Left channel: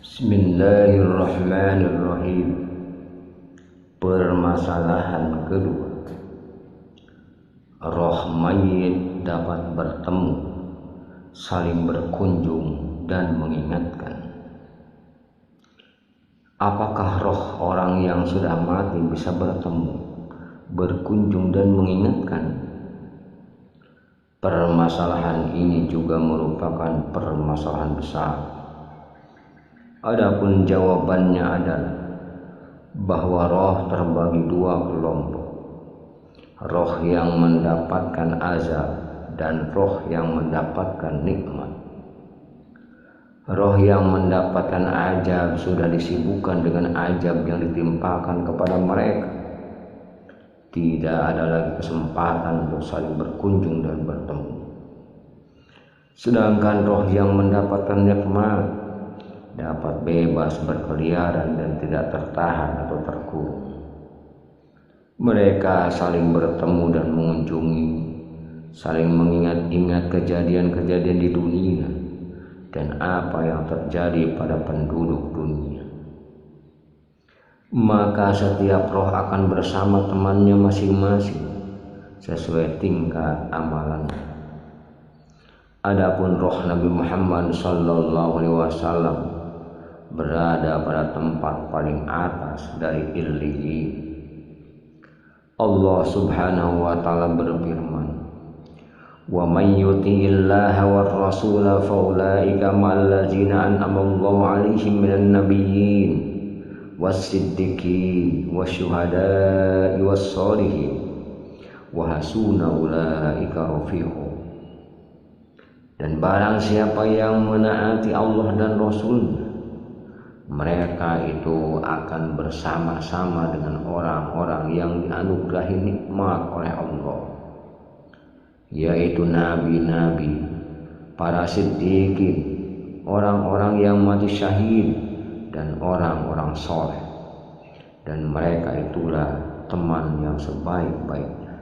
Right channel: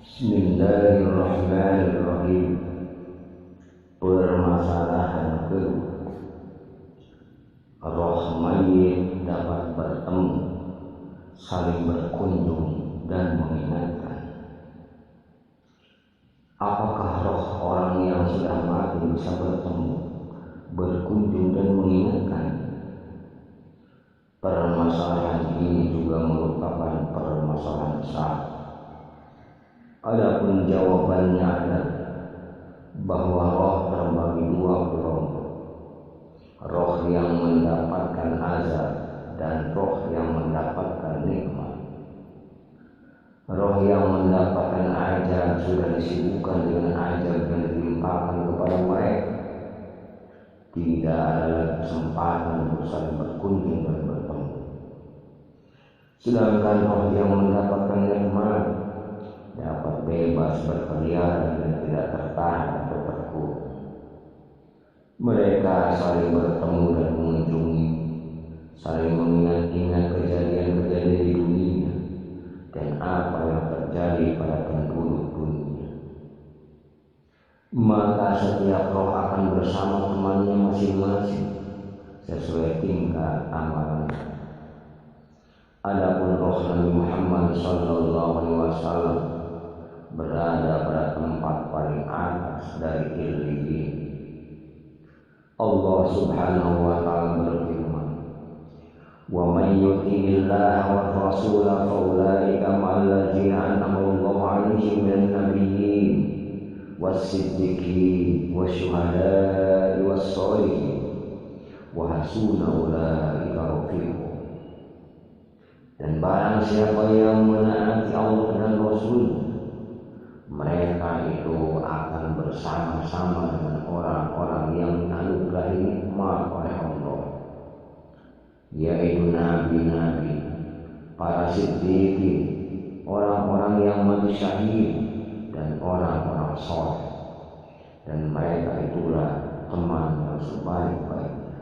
Bismillahirrahmanirrahim. Permasalahan kedua, roh mayit dapat bertemu, saling berkunjung dan mengingatkan. Apakah roh orang yang sudah mati bisa bertemu, berkunjung dan mengingatkan? Permasalahan ini juga merupakan permasalahan besar. Adapun jawabannya adalah bahwa roh terbagi dua kelompok, roh yang mendapatkan azab dan roh yang mendapatkan nikmat. Roh yang mendapatkan azab sudah disibukkan dengan azab yang ditimpakan kepada mereka. Tidak ada lagi kesempatan untuk saling berkunjung dan bertemu. Sedangkan roh yang mendapatkan nikmat dapat bebas berkeliaran dan tidak tertahan atau terkurung. Mereka saling bertemu dan mengunjungi, saling mengingat-ingat kejadian-kejadian di dunia dan apa yang terjadi pada penduduk dunia. Maka setiap roh akan bersama temannya masing-masing sesuai tingkat amalannya. Adapun roh Nabi Muhammad SAW berada pada tempat paling atas dari Illiyin. Allah Subhanahu wa taala berfirman, "Wa may yuti'illaha war rasula fa ulaika ma'al ladzina an'ama Allahu 'alaihim minan nabiyyin was-siddiqin wasyuhada'i was-sholihin wa hasuna ulaika rafiqa." Dan barang siapa yang menaati Allah dan Rasul-Nya, mereka itu akan bersama-sama dengan orang-orang yang dianugerahi nikmat oleh Allah, yaitu nabi-nabi, para siddiqin, orang-orang yang mati syahid, dan orang-orang soleh. Dan mereka itulah teman yang sebaik-baiknya.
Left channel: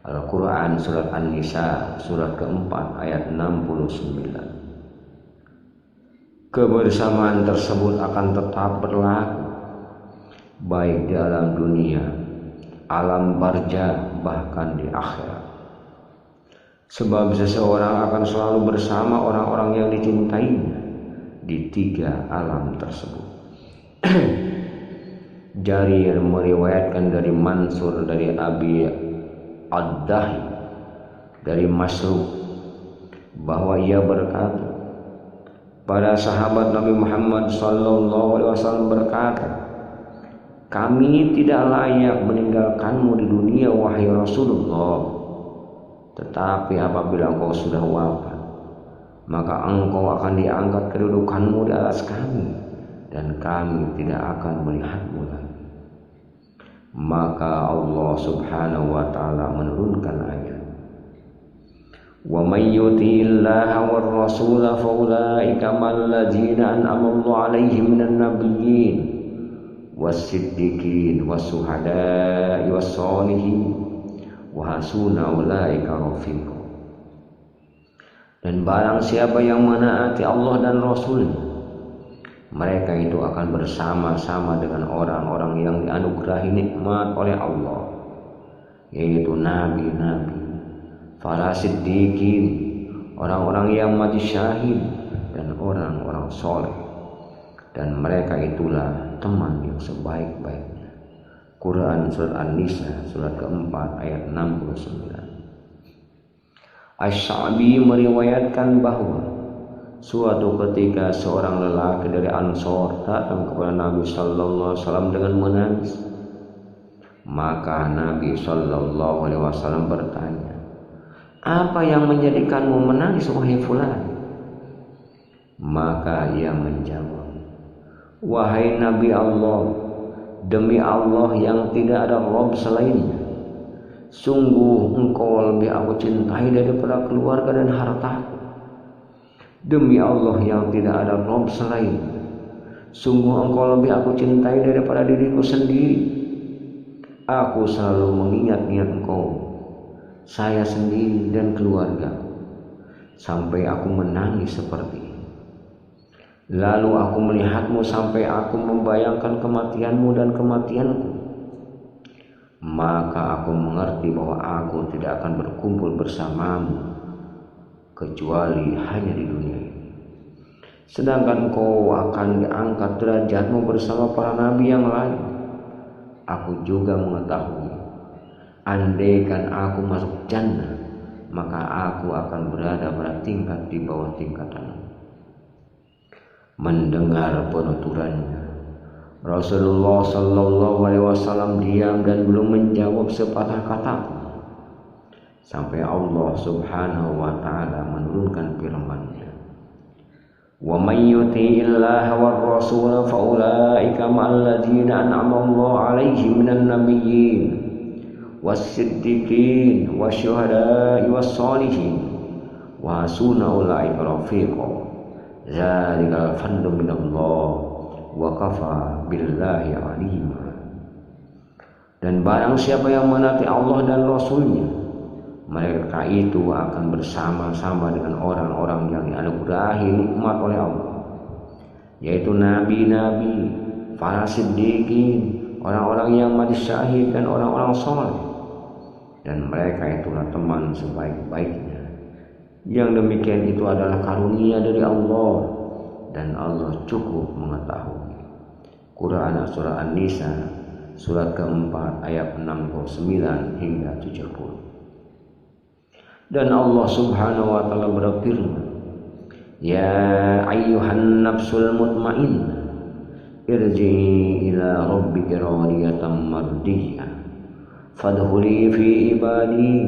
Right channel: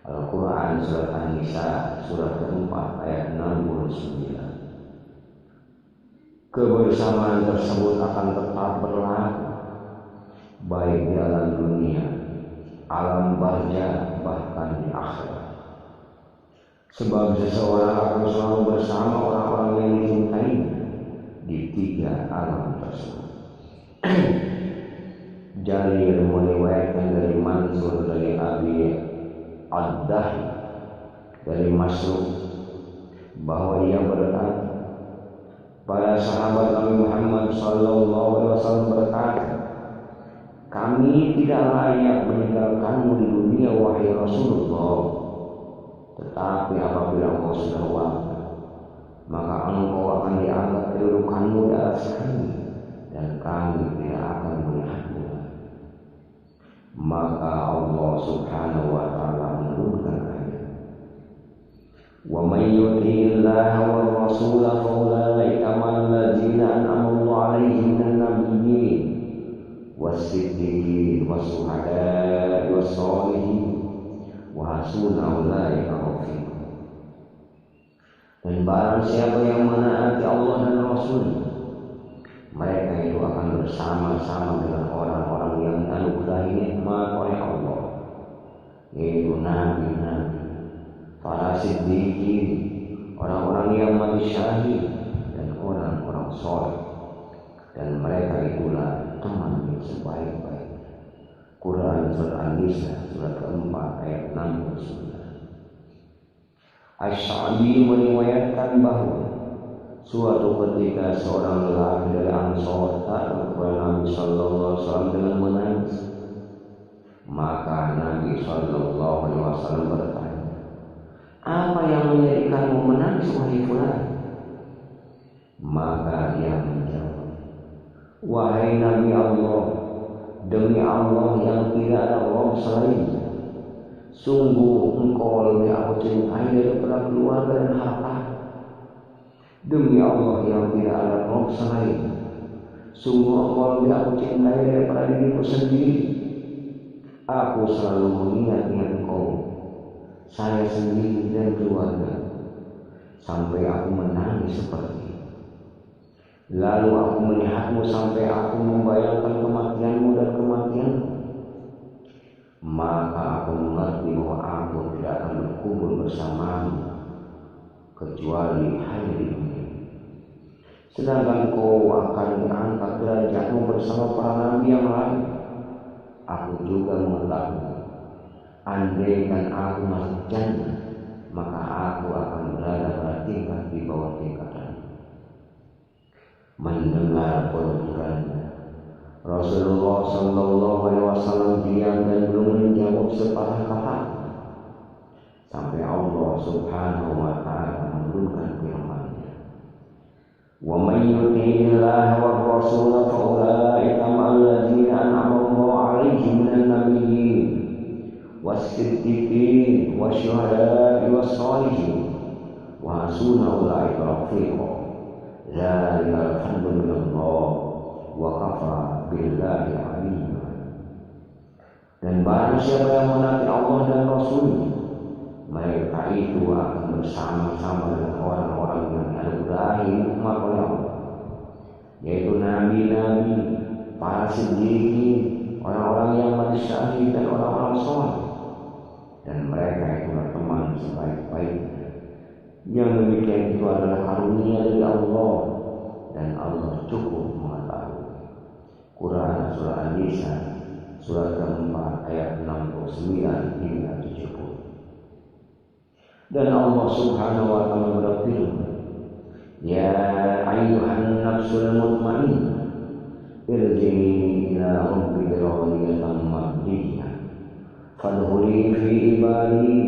Al-Quran Surat An-Nisa surat keempat ayat 69. Kebersamaan tersebut akan tetap berlaku baik di alam dunia, alam barzakh, bahkan di akhirat. Sebab seseorang akan selalu bersama orang-orang yang dicintainya di tiga alam tersebut. Jarir meriwayatkan dari Mansur dari Abi Ad-Dahi dari Masruq bahwa ia berkata, para sahabat Nabi Muhammad SAW berkata, "Kami tidak layak meninggalkanmu di dunia wahai Rasulullah, tetapi apabila engkau sudah wafat, maka engkau akan diangkat kedudukanmu di atas kami dan kami tidak akan melihatmu lagi." Maka Allah Subhanahu wa taala menurunkan ayat, "Wa may yuti'illaha war rasula fa ulaika ma'al ladzina an'ama Allahu 'alaihim minan nabiyyin was-siddiqin was-syuhada'i was-sholihin wa hasuna ulaika rafiqa." Dan barang siapa yang menaati Allah dan Rasul-Nya, mereka itu akan bersama-sama dengan orang-orang yang dianugerahi nikmat oleh Allah, yaitu nabi-nabi, para siddiqin, orang-orang yang mati syahid, dan orang-orang soleh. Dan mereka itulah teman yang sebaik-baiknya. Quran Surat An-Nisa surat keempat ayat 69. Asy-Sya'bi meriwayatkan bahwa suatu ketika seorang lelaki dari Ansor datang kepada Nabi Sallallahu Alaihi Wasallam dengan menangis. Maka Nabi Sallallahu Alaihi Wasallam bertanya, "Apa yang menjadikanmu menangis wahai fulan?" Maka ia menjawab, "Wahai Nabi Allah, demi Allah yang tidak ada Rabb selainnya, sungguh engkau lebih aku cintai daripada keluarga dan hartaku. Demi Allah yang tidak ada Rabb selain, sungguh engkau lebih aku cintai daripada diriku sendiri. Aku selalu mengingat-ingat engkau, saya sendiri dan keluarga, sampai aku menangis seperti ini." Lalu aku melihatmu sampai aku membayangkan kematianmu dan kematianku. Maka aku mengerti bahwa aku tidak akan berkumpul bersamamu kecuali hanya di dunia. Sedangkan engkau akan diangkat derajatmu bersama para nabi yang lain. Aku juga mengetahui, andaikan aku masuk jannah, maka aku akan berada pada tingkat di bawah tingkatanmu. Mendengar penuturannya, Rasulullah Shallallahu Alaihi Wasallam diam dan belum menjawab sepatah kata sampai Allah Subhanahu Wa Taala menurunkan firman-Nya. Wa may yuti'illaha war rasul fa ulaika ma'al ladzina an'ama Allahu 'alaihim minan nabiyyin was-siddiqin wasyuhada'i was-shalihin wa hasuna ulaika rafiqa. Zalikal fadlu minallah wa kafa billahi alima. Dan barang siapa yang menaati Allah dan Rasul-Nya, mereka itu akan bersama-sama dengan orang-orang yang dianugerahi nikmat oleh Allah, yaitu nabi-nabi, para siddiqin, orang-orang yang mati syahid, dan orang-orang saleh. Dan mereka itulah teman sebaik-baiknya. Yang demikian itu adalah karunia dari Allah, dan Allah cukup mengetahui. Quran surah An-Nisa surat keempat ayat 69 hingga 70. Dan Allah Subhanahu wa taala berfirman, ya ayyuhan nafsul mutmainnah irji'i ila rabbika radiyatan mardiyah fadkhuli fi ibadi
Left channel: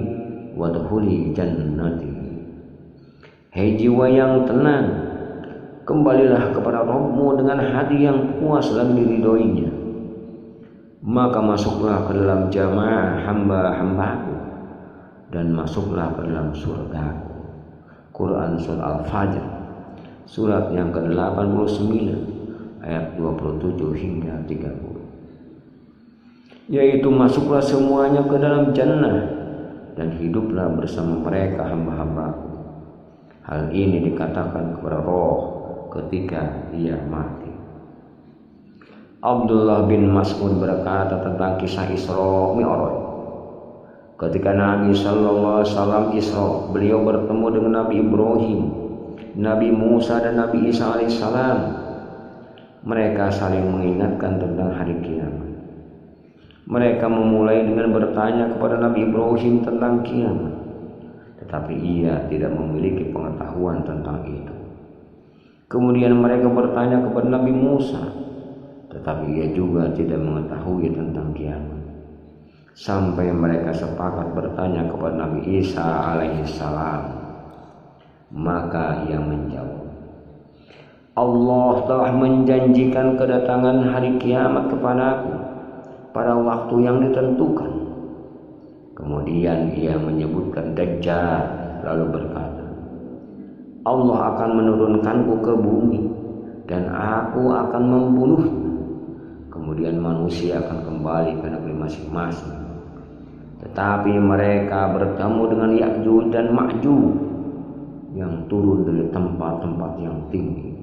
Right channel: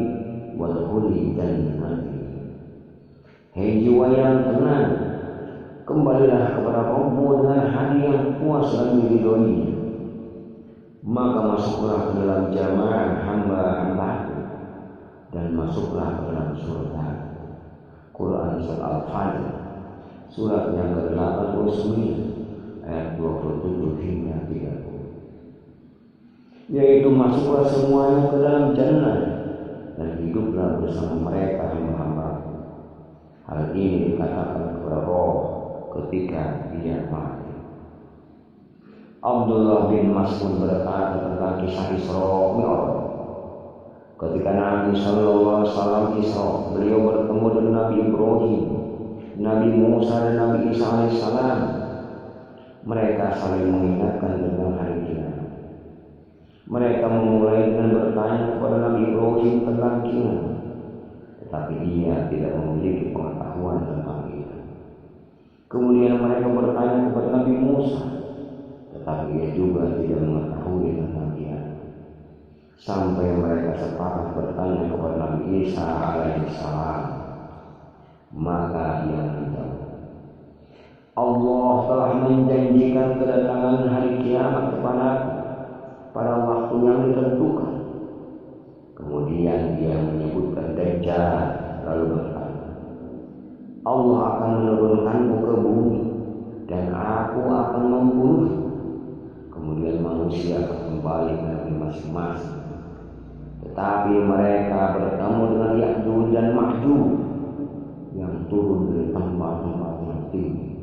wadkhuli jannati. Hei jiwa yang tenang, kembalilah kepada Rabbmu dengan hati yang puas dan diridhoinya, maka masuklah ke dalam jamaah hamba-hambaku dan masuklah ke dalam surgaku. Quran surah Al-Fajr surat yang ke-89 ayat 27 hingga 30. Yaitu masuklah semuanya ke dalam jannah dan hiduplah bersama mereka hamba-hambaku. Hal ini dikatakan kepada roh ketika ia mati. Abdullah bin Mas'ud berkata tentang kisah Isra Mi'raj. Ketika Nabi Sallallahu Alaihi Wasallam Isra, beliau bertemu dengan Nabi Ibrahim, Nabi Musa, dan Nabi Isa Alaihissalam. Mereka saling mengingatkan tentang hari kiamat. Mereka memulai dengan bertanya kepada Nabi Ibrahim tentang kiamat, tetapi ia tidak memiliki pengetahuan tentang itu. Kemudian mereka bertanya kepada Nabi Musa, tetapi ia juga tidak mengetahui tentang kiamat. Sampai mereka sepakat bertanya kepada Nabi Isa alaihissalam. Maka ia menjawab, Allah telah menjanjikan kedatangan hari kiamat kepadaku pada waktu yang ditentukan. Kemudian ia menyebutkan Dajjal, lalu berkata, Allah akan menurunkanku ke bumi dan aku akan membunuhnya. Kemudian manusia akan kembali ke negeri masing-masing. Tetapi mereka bertemu dengan Ya'juj dan Ma'juj yang turun dari tempat-tempat yang tinggi.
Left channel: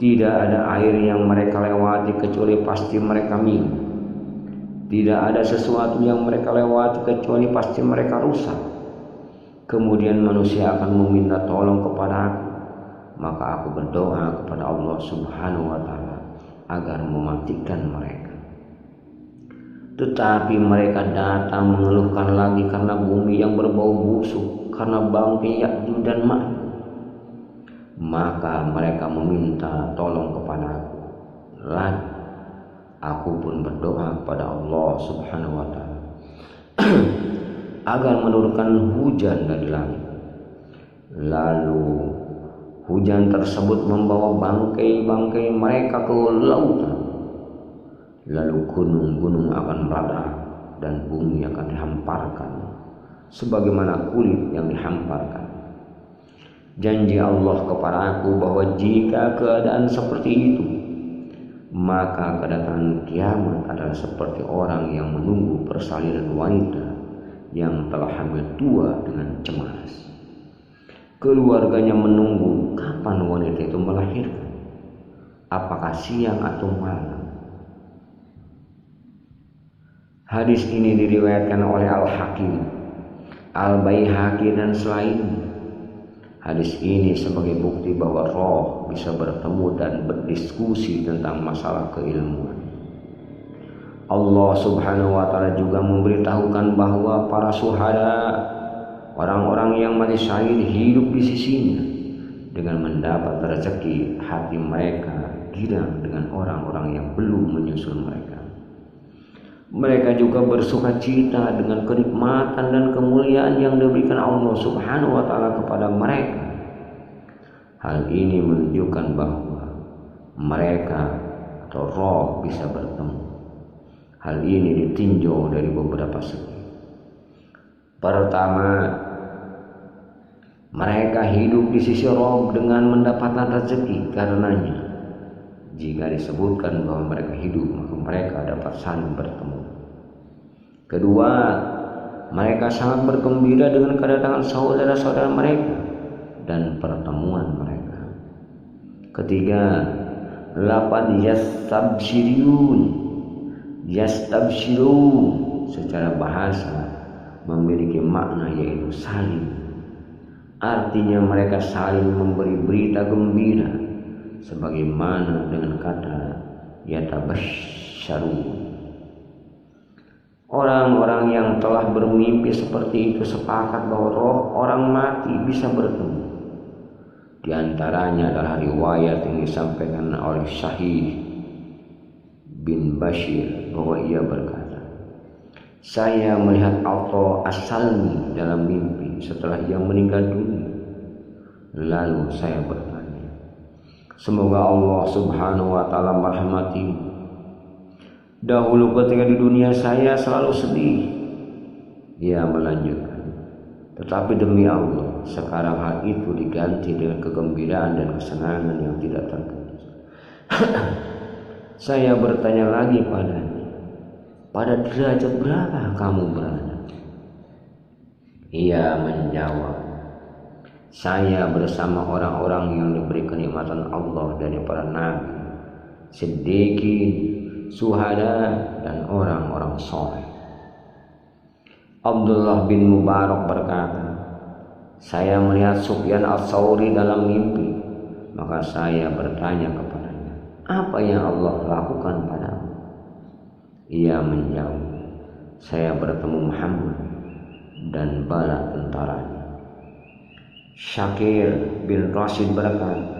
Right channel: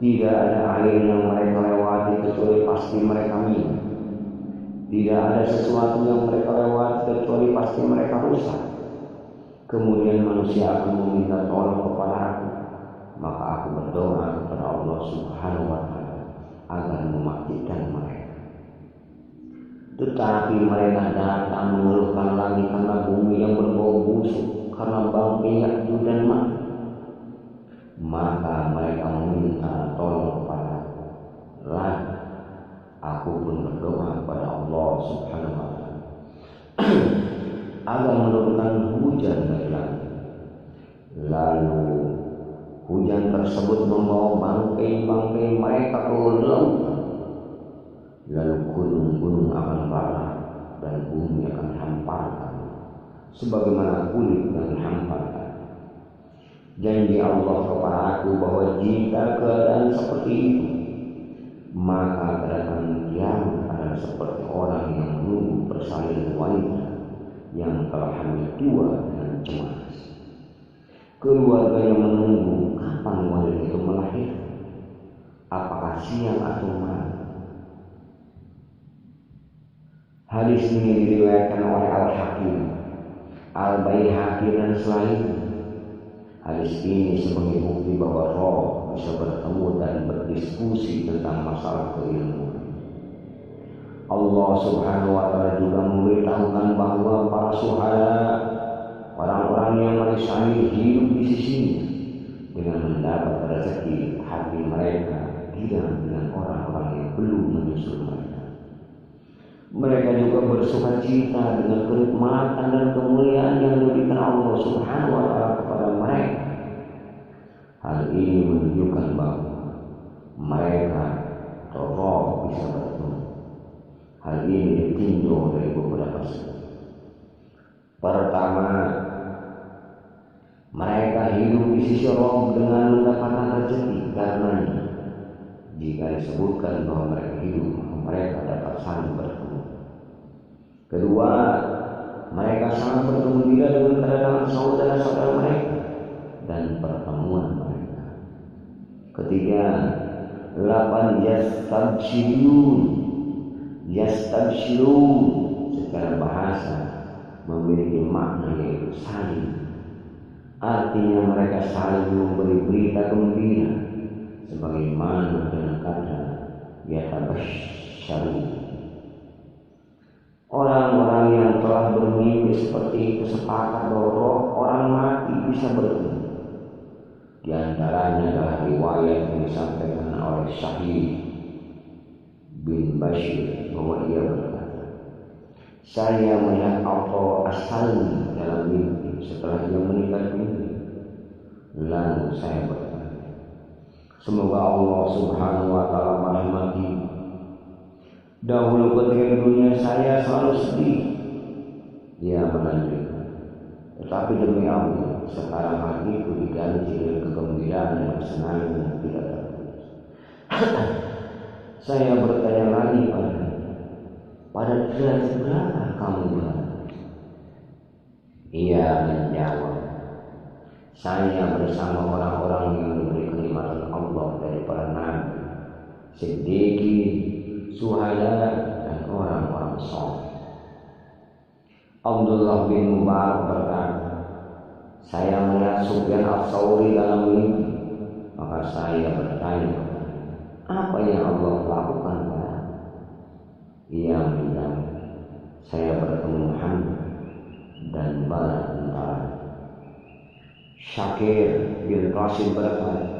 Tidak ada air yang mereka lewati kecuali pasti mereka minum. Tidak ada sesuatu yang mereka lewati kecuali pasti mereka rusak. Kemudian manusia akan meminta tolong kepada aku, maka aku berdoa kepada Allah Subhanahu wa taala agar mematikan mereka. Tetapi mereka datang mengeluhkan lagi karena bumi yang berbau busuk, karena bangkai Ya'juj dan Ma'juj. Maka mereka meminta tolong kepada aku. Lalu aku pun berdoa kepada Allah Subhanahu wa taala agar menurunkan hujan dari langit. Lalu hujan tersebut membawa bangkai-bangkai mereka ke lautan. Lalu gunung-gunung akan meledak dan bumi akan dihamparkan sebagaimana kulit yang dihamparkan. Janji Allah kepada aku bahwa jika keadaan seperti itu, maka kedatangan kiamat adalah seperti orang yang menunggu persalinan wanita yang telah hamil tua dengan cemas. Keluarganya menunggu kapan wanita itu melahirkan. apakah siang atau malam. Hadis ini diriwayatkan oleh Al-Hakim, Al-Baihaqi dan selainnya. Hadis ini sebagai bukti bahwa roh bisa bertemu dan berdiskusi tentang masalah keilmuan. Allah Subhanahu wa Ta'ala juga memberitahukan bahwa para syuhada, orang-orang yang mati syahid, hidup di sisinya dengan mendapat rezeki. Hati mereka girang dengan orang-orang yang belum menyusul mereka. Mereka juga bersuka cita dengan kenikmatan dan kemuliaan yang diberikan Allah Subhanahu wa Ta'ala kepada mereka. Hal ini menunjukkan bahwa mereka atau roh bisa bertemu. Hal ini ditinjau dari beberapa segi. Pertama, mereka hidup di sisi roh dengan mendapatkan rezeki karenanya. Jika disebutkan bahwa mereka hidup, maka mereka dapat saling bertemu. Kedua, mereka sangat bergembira dengan kedatangan saudara-saudara mereka dan pertemuan mereka. Ketiga, 8 yastabshirun secara bahasa memiliki makna yaitu saling. Artinya mereka saling memberi berita gembira, sebagaimana dengan kata yatabashsharu. Orang-orang yang telah bermimpi seperti itu sepakat bahwa roh orang mati bisa bertemu. Di antaranya adalah riwayat yang disampaikan oleh Syahid bin Bashir bahwa ia berkata, saya melihat Atha As-Salmi dalam mimpi setelah ia meninggal dunia. Lalu saya bertanya, semoga Allah Subhanahu wa Ta'ala merahmati. Dahulu ketika di dunia saya selalu sedih. Ia melanjutkan, tetapi demi Allah sekarang hal itu diganti dengan kegembiraan dan kesenangan yang tidak terputus. Saya bertanya lagi padanya, pada derajat berapa kamu berada? Ia menjawab, saya bersama orang-orang yang diberi kenikmatan Allah dari para nabi, siddiqin, syuhada dan orang-orang saleh. Abdullah bin Mubarak berkata, saya melihat Sufyan Ats-Tsauri dalam mimpi, maka saya bertanya kepadanya, apa yang Allah lakukan padamu? Ia menjawab, saya bertemu Muhammad dan bala tentaranya. Syakir bin Rashid berkata,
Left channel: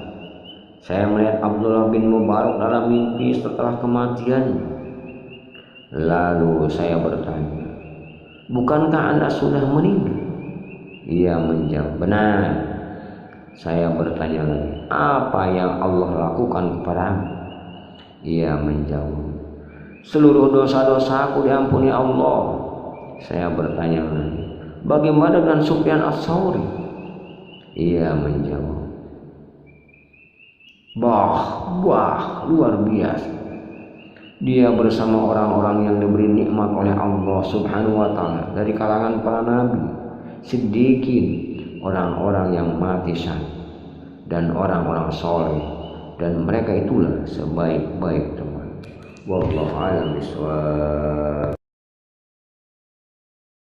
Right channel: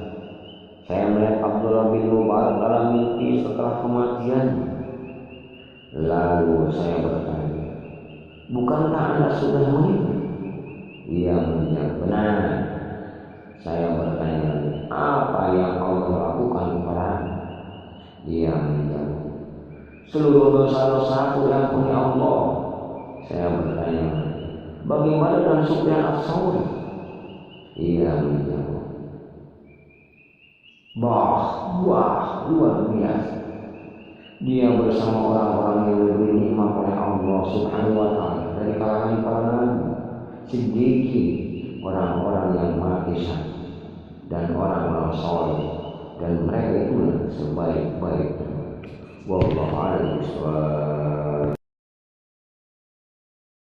saya melihat Abdullah bin Mubarak dalam mimpi setelah kematiannya. Lalu saya bertanya, bukankah Anda sudah meninggal? Ia menjawab, benar. Saya bertanya lagi, apa yang Allah lakukan kepadamu? Ia menjawab, seluruh dosa-dosaku diampuni Allah. Saya bertanya lagi, bagaimana dengan Sufyan Ats-Tsauri? Ia menjawab, luar biasa. Dia bersama orang-orang yang diberi nikmat oleh Allah Subhanahu wa Ta'ala dari kalangan para nabi, siddiqin, orang-orang yang mati syahid, dan orang-orang saleh, dan mereka itulah sebaik-baik teman. Wallahu a'lam bishawab.